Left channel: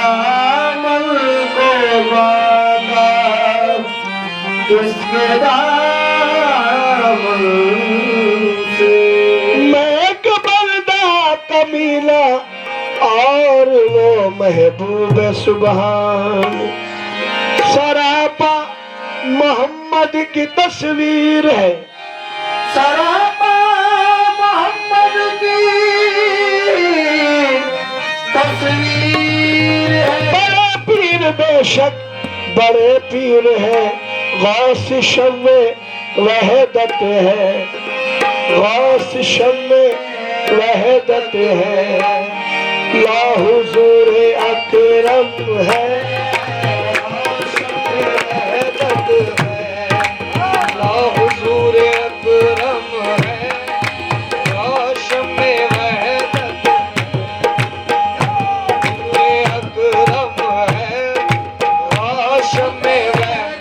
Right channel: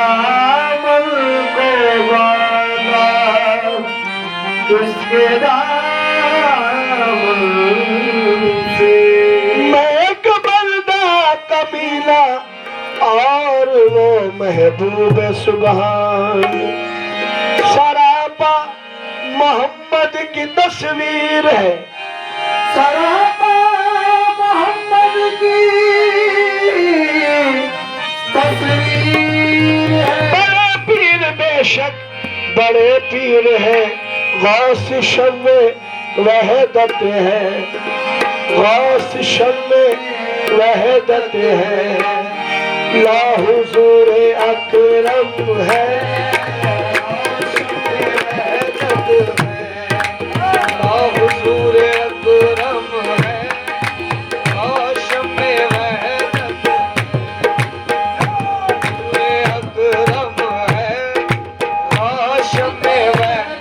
दामन को बांधा, किसके दामन से। मैं एक बंदा कमीना और वो महबूब सुभान, सरापा मोहम्मद की तस्वीर है, सरापा मोहम्मद की तस्वीर है। बड़े पीर बेशक बड़े पीर है, गौस शम्मे वहदत है, गौस शम्मे वहदत है, ला हुजूर अकरम है, ला हुजूर अकरम है, गौस में वहदत अकरम है, गौस में वहदत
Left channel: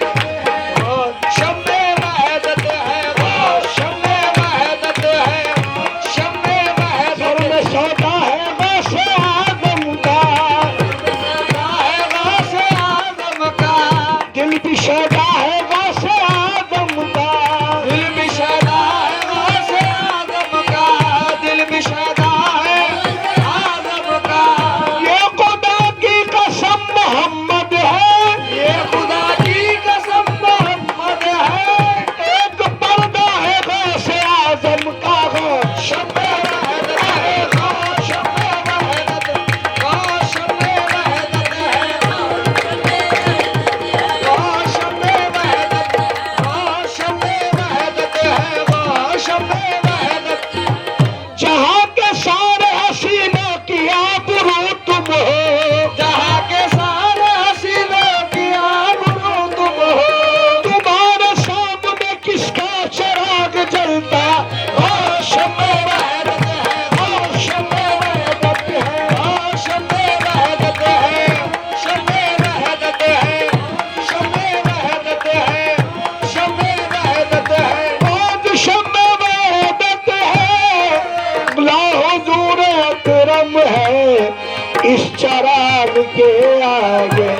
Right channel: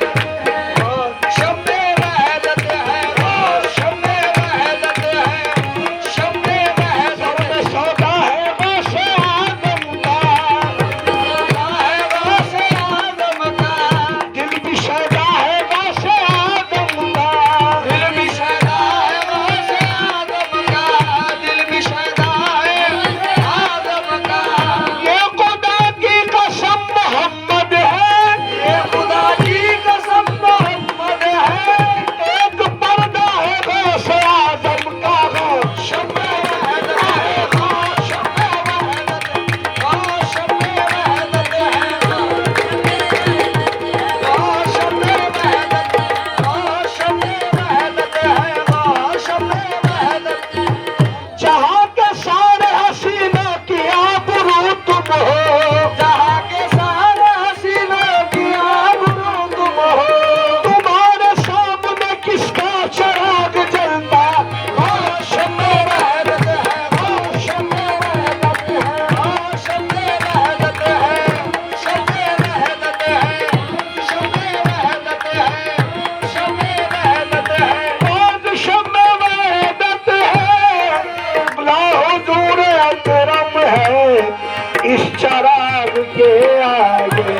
इस चराग के आगे,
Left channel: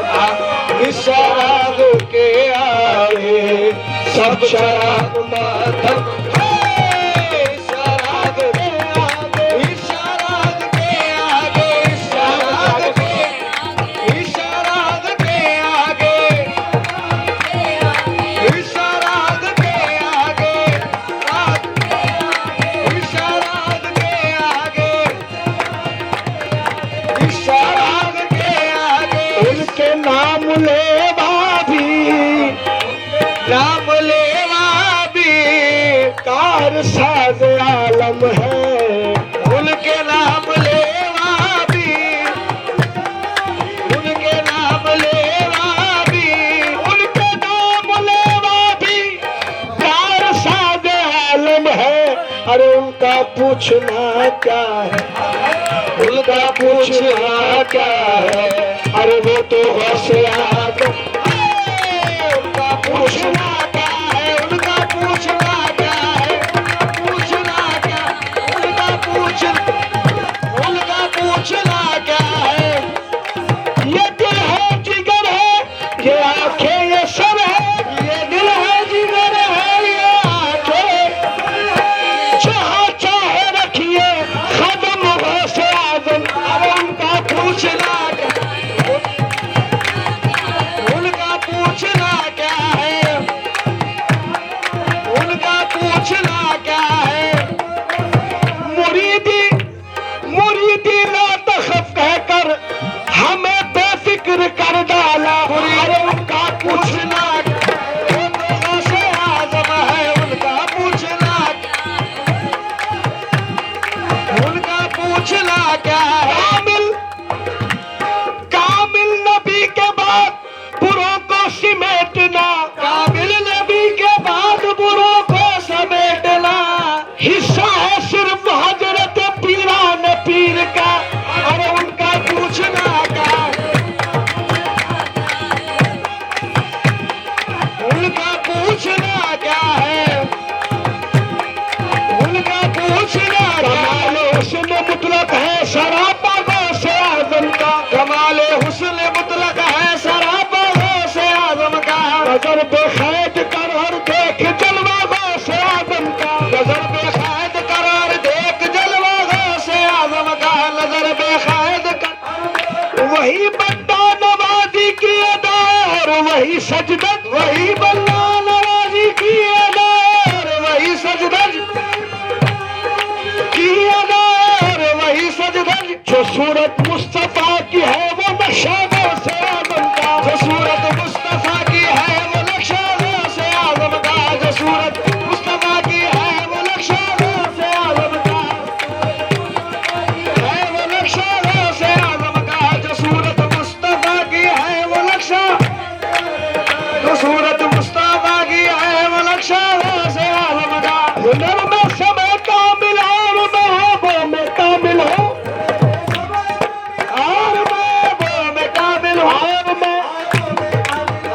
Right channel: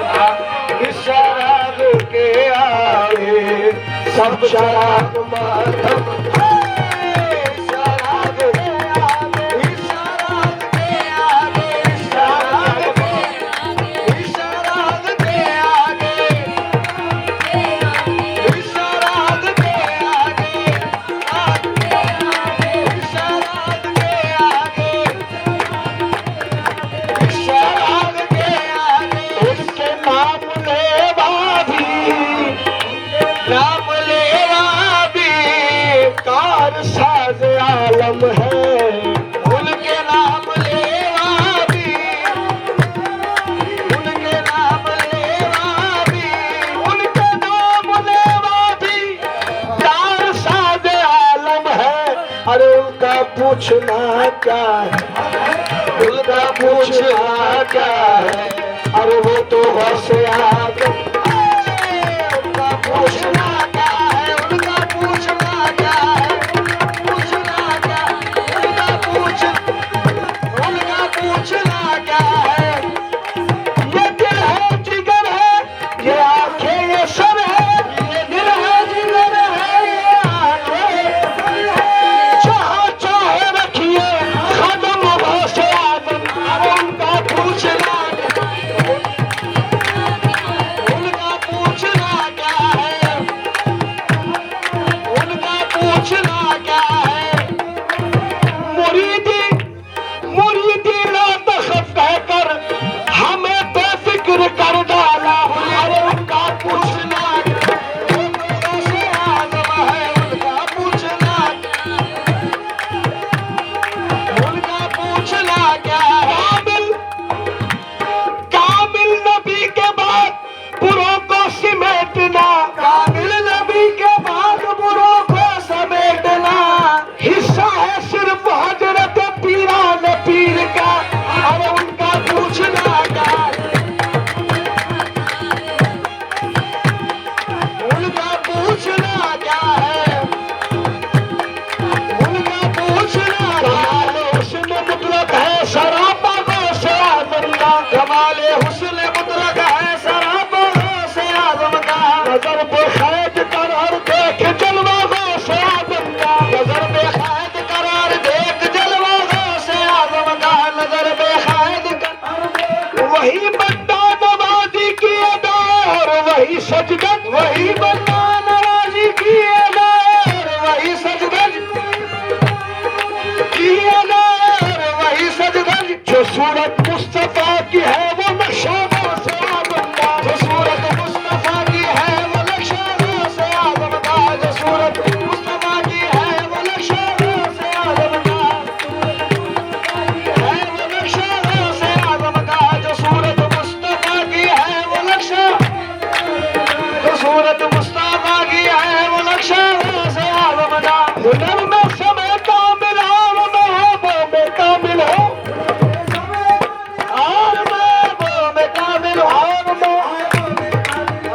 इस चराग के आगे सब चराग मातम। साज आलम है उनके नाम लेवा भी, उनके नाम लेवा भी, उनके नाम लेवा भी कार साज आलम है। अरे उनका पूछना क्या है, उनका पूछना क्या है, अरे वो तो बस आदम। उनका पूछना क्या है, उनका पूछना हिस्सा है सिर्फ हजरत पीरान पीर का, और उनका पूछना क्या, उनका पूछना क्या है, उनका पूछना कमाल हुस्न मुतलक है, सरापा का सराबंदा कमाल हुस्न वही बंदा नवाजी की अदा और वही सजदत, वही बंदा नवाजी की अदा और वही सजदत की अदा और वही सजदत। जो सूरत मुस्तफा की है वो नक्शा से आदम का, जो सूरत मुस्तफा की है वो नक्शा से आदम का, जो सूरत मुस्तफा की है वो नक्शा से आदम का, है वो नक्शा से आदम का, जो सूरत मुस्तफा की है वो नक्शा, जो सूरत मुस्तफा की है वो नक्शा से आदम का। हुनर में समय कामिल और महबूब में कामिल हो, और महबूब में कामिल हो,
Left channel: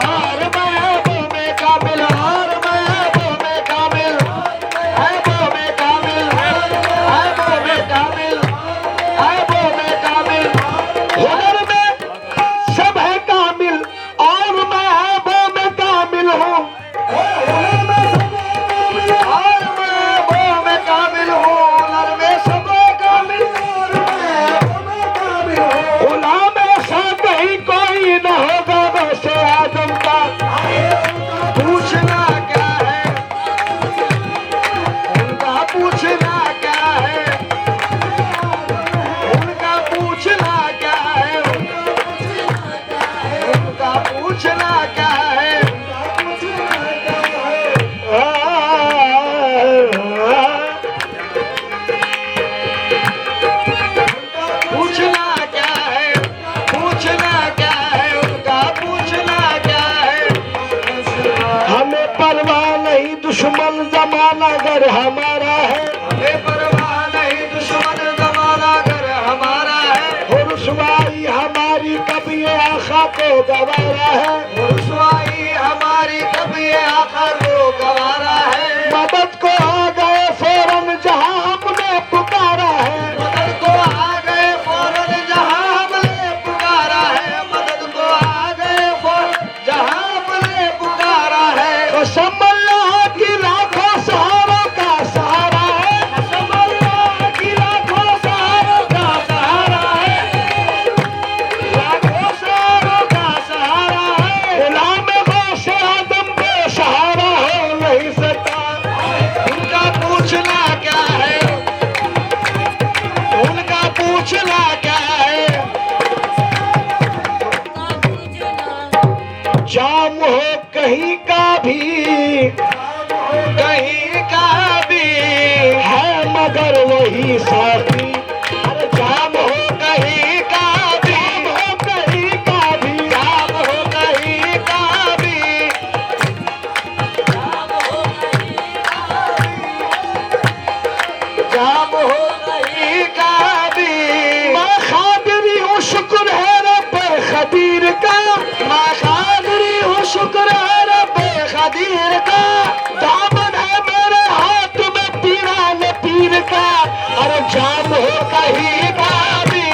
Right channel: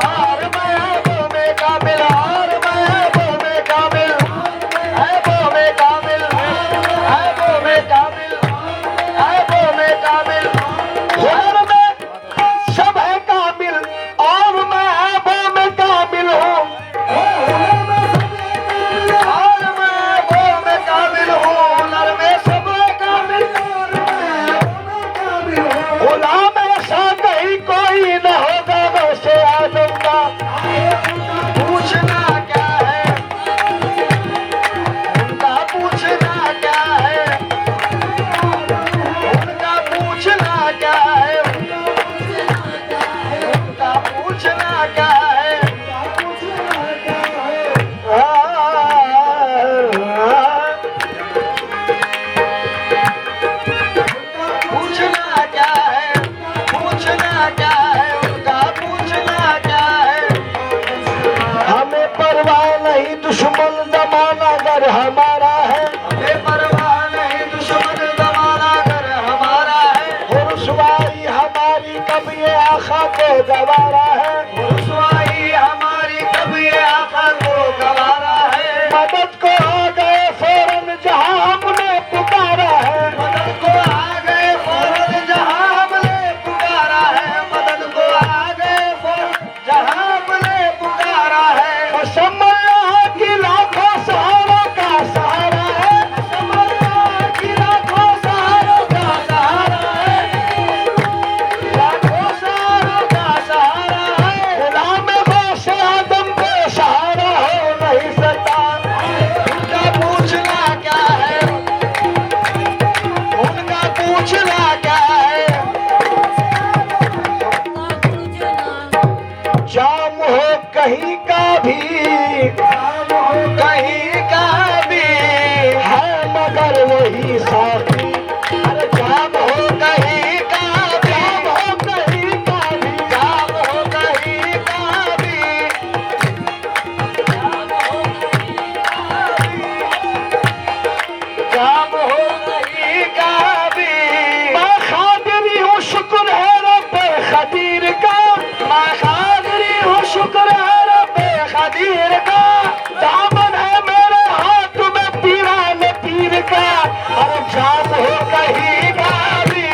और महबूब में कामिल, और महबूब में कामिल, महबूब में कामिल, महबूब में कामिल, महबूब में कामिल। हुनर में सब है कामिल और महबूब में कामिल हो, और महबूब में कामिल हो। हुनर में सब है कामिल, गुलाम ऐसा कहीं कोई न होगा वैसे आदम का। पूछना क्या है उनका, पूछना क्या है उनका, पूछना क्या है उनका, पूछना क्या है। पूछना क्या है, पूछना क्या है उनका, पूछना क्या है। हमें परवाह नहीं दुश्मन जमाना अगर हमारा है, हमें परवाह नहीं दुश्मन जमाना अगर हमारा है। रुसवाई हमारी कभी आखा को गवारा है, रुसवाई हमारी कभी आखा को गवारा है। मदद को आ गए फौरन जहां हमने पुकारा है, मदद को आ गए फौरन जहां हमने पुकारा है, मदद को आ गए फौरन जहां हमने पुकारा है। कसम अल्लाह की लाखों सहारों का सहारा है, कसम अल्लाह की लाखों सहारों का सहारा है, लाखों सहारों का सहारा है। गुलाम गौस आदम बेसहारा है नहीं सता, उनका पूछना क्या है, उनका पूछना क्या है। जाम हो कहीं का भी, कहीं का भी है मगर वही साथी। जाम हो कहीं का भी, जाम हो कहीं का भी, जाम हो कहीं का भी, जाम हो कहीं का भी। मैं खादिरी हूँ शुक्र है रब खदीर का, मैं खादिरी हूँ शुक्र है रब खदीर का। दामन है मेरे हाथ में पीरान पीर का, और जाम हो कहीं का भी,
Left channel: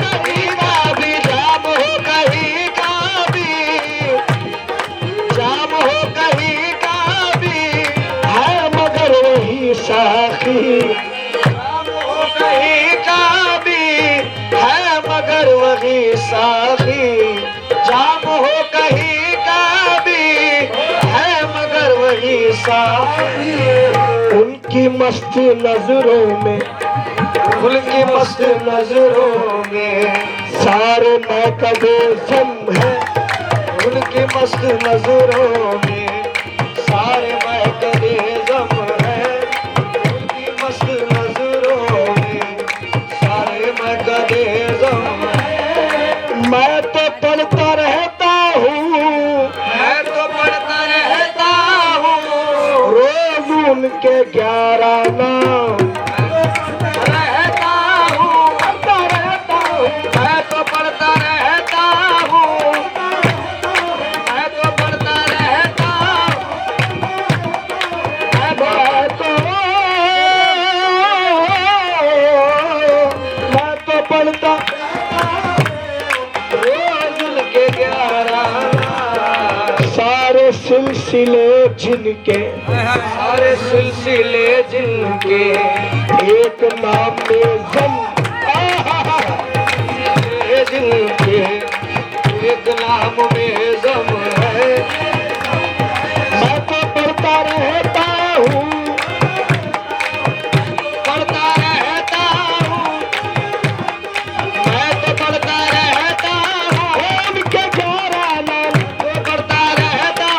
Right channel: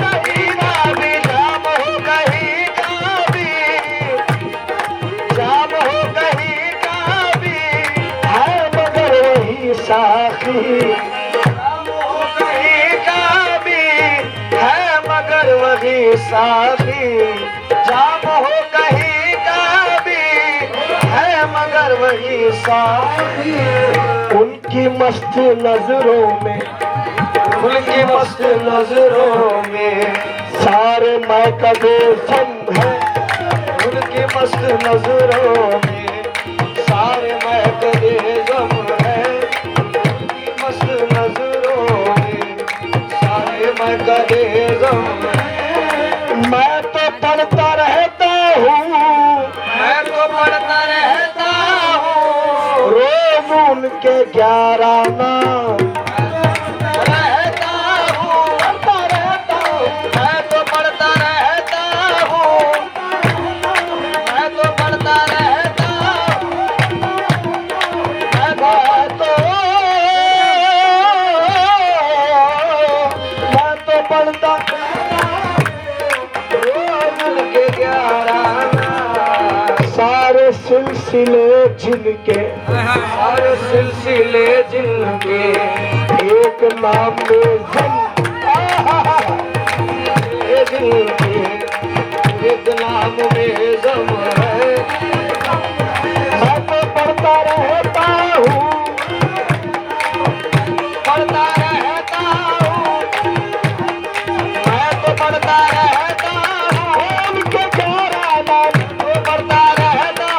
कहीं का भी, जाम हो कहीं का भी, जाम हो कहीं का भी है मगर वही साखी। जाम हो कहीं का भी है मगर वही साखी, जाम हो कहीं का भी है मगर वही साखी। उनकी मस्त नजरों में, उनकी मस्त नजरों में सारे मौकबे सम है, उनकी मस्त नजरों में सारे मौकबे सम है, उनकी मस्त नजरों में सारे मौकबे सम है। मैं तो पढ़ता रहता हूँ, मैं तो पढ़ता रहता हूँ रोज उनके 11 नाम रहता हूँ, पढ़ता रहता हूँ, मैं तो पढ़ता रहता हूँ, मैं तो पढ़ता रहता हूँ, मैं तो पढ़ता रोज उनके 11 नाम। सारे सिलसिले जिनके, सारे सिलसिले जिनके एक नाम में जिनके एक नाम में दम है। मैं तो पढ़ता रहता हूँ, पढ़ता रहता हूँ, मैं तो पढ़ता रहता हूँ उनके 11 नाम तो पढ़ता रहता,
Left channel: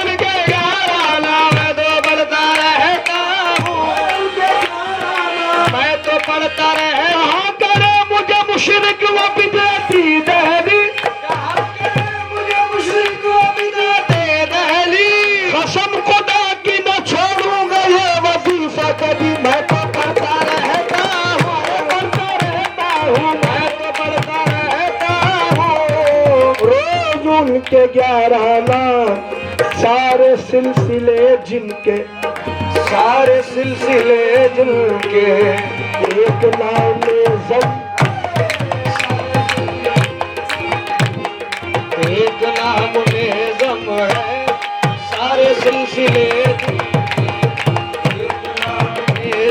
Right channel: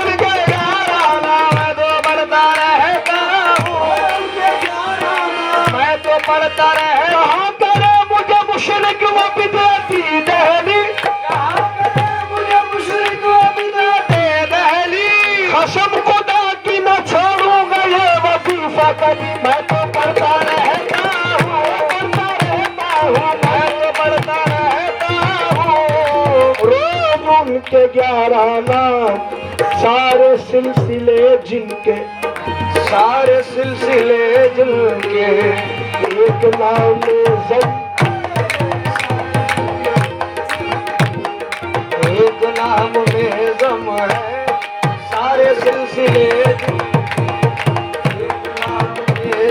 उनके 11 नाम मैं तो पढ़ता रहता हूँ, मैं तो पढ़ता रहता। करे मुझे मुशरिक व बिदअती दहली, मुझे मुशरिक व बिदअती दहली, कसम खुदा की न छोड़ूंगा ये वजीफा कभी। मैं तो पढ़ता रहता हूँ, पढ़ता रहता हूँ, मैं तो पढ़ता रहता हूँ। रोज उनके 11 नाम, सारे सिलसिले जिनके, सारे सिलसिले जिनके, एक नाम ज़म, एक नाम में ज़म है। सारे सिलसिले, एक नाम में,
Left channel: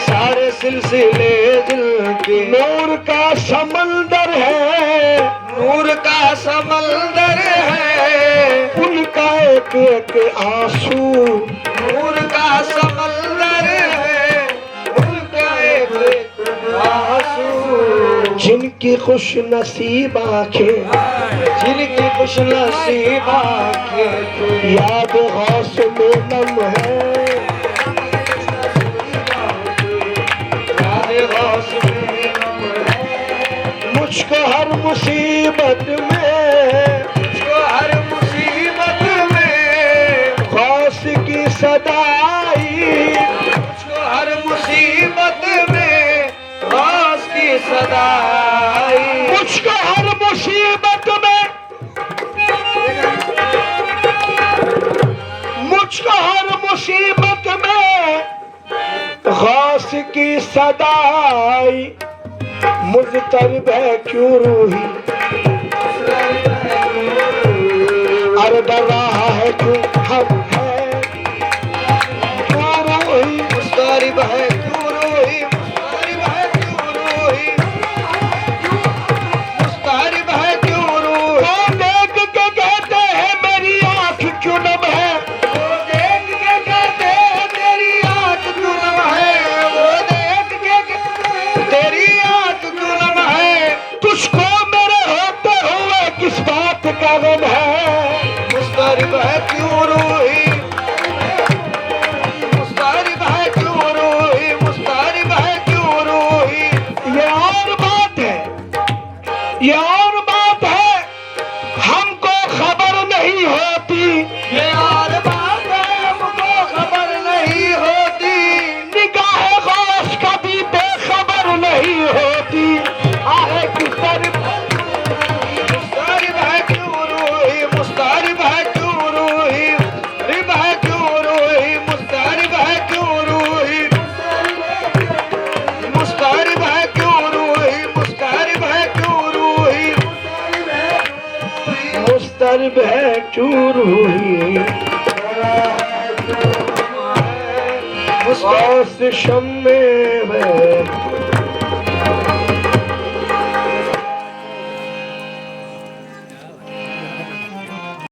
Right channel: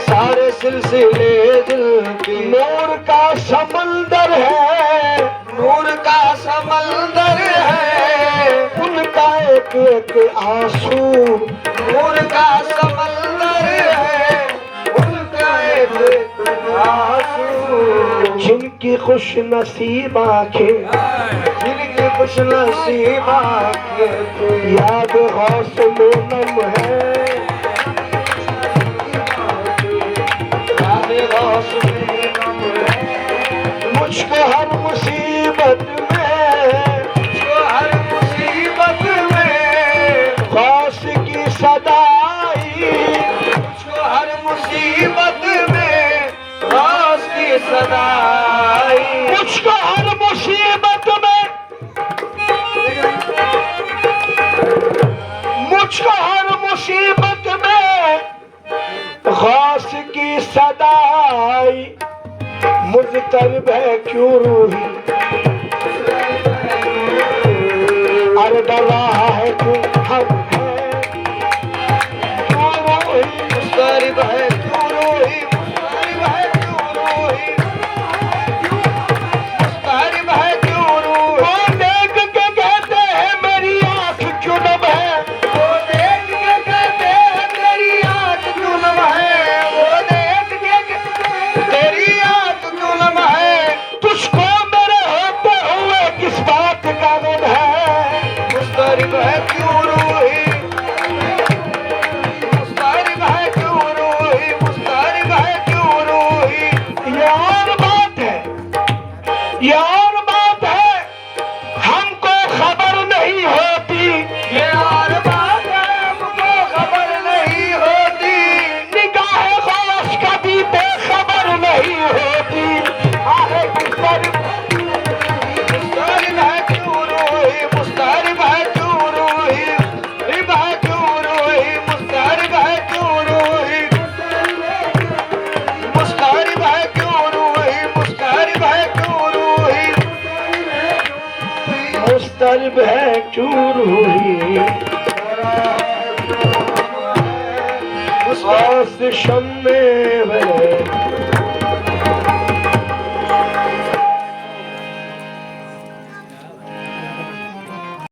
सारे सिलसिले जिनके। नूर का समंदर है, नूर का समंदर है, उनका एक एक आंसू, नूर का समंदर है, उनका एक एक आंसू। जिनकी खुश नसीब आंखें, जिनकी खुश नसीब आंखें, याद गौस में नम है, याद गौस में नम है। मुझको हर मुसीबत में, मुझको हर मुसीबत में गौस की सदाई, मुझको हर मुसीबत में गौस की सदाई, मुझको हर मुसीबत में, मुझको हर मुसीबत में गौस की सदाई। मुज़तरब है क्यों रूही, अर्द रहा है क्यों हम है, क्यों रूही मुज़तरब है, क्यों रूही मुज़तरब है, क्यों रूही मुज़तरब है, क्यों रूही। वो देख के कहते हैं मेरी आँख क्यों नम है, वो देख के कहते हैं तेरी आँख क्यों नम है, वो देख के तेरी आँख क्यों नम है। तुझको मेरे होते हुए किस बात का गम है, मुज़तरब है क्यों रूही, मुज़तरब है क्यों रूही, मुज़तरब है क्यों रूही। ये और बात है, ये और बात है, हमको खबर नहीं होती, ये और बात है, हमको खबर नहीं होती। निगाह गौस कभी बेखबर नहीं होती। आहे मुज़तरब, मुज़तरब है क्यों रूही, मुज़तरब है क्यों रूही, मुज़तरब है क्यों रूही, मुज़तरब है क्यों रूही, मुज़तरब है क्यों रूही, मुज़तरब है क्यों रूही, मुज़तरब है क्यों रूही। गौस शम्मे है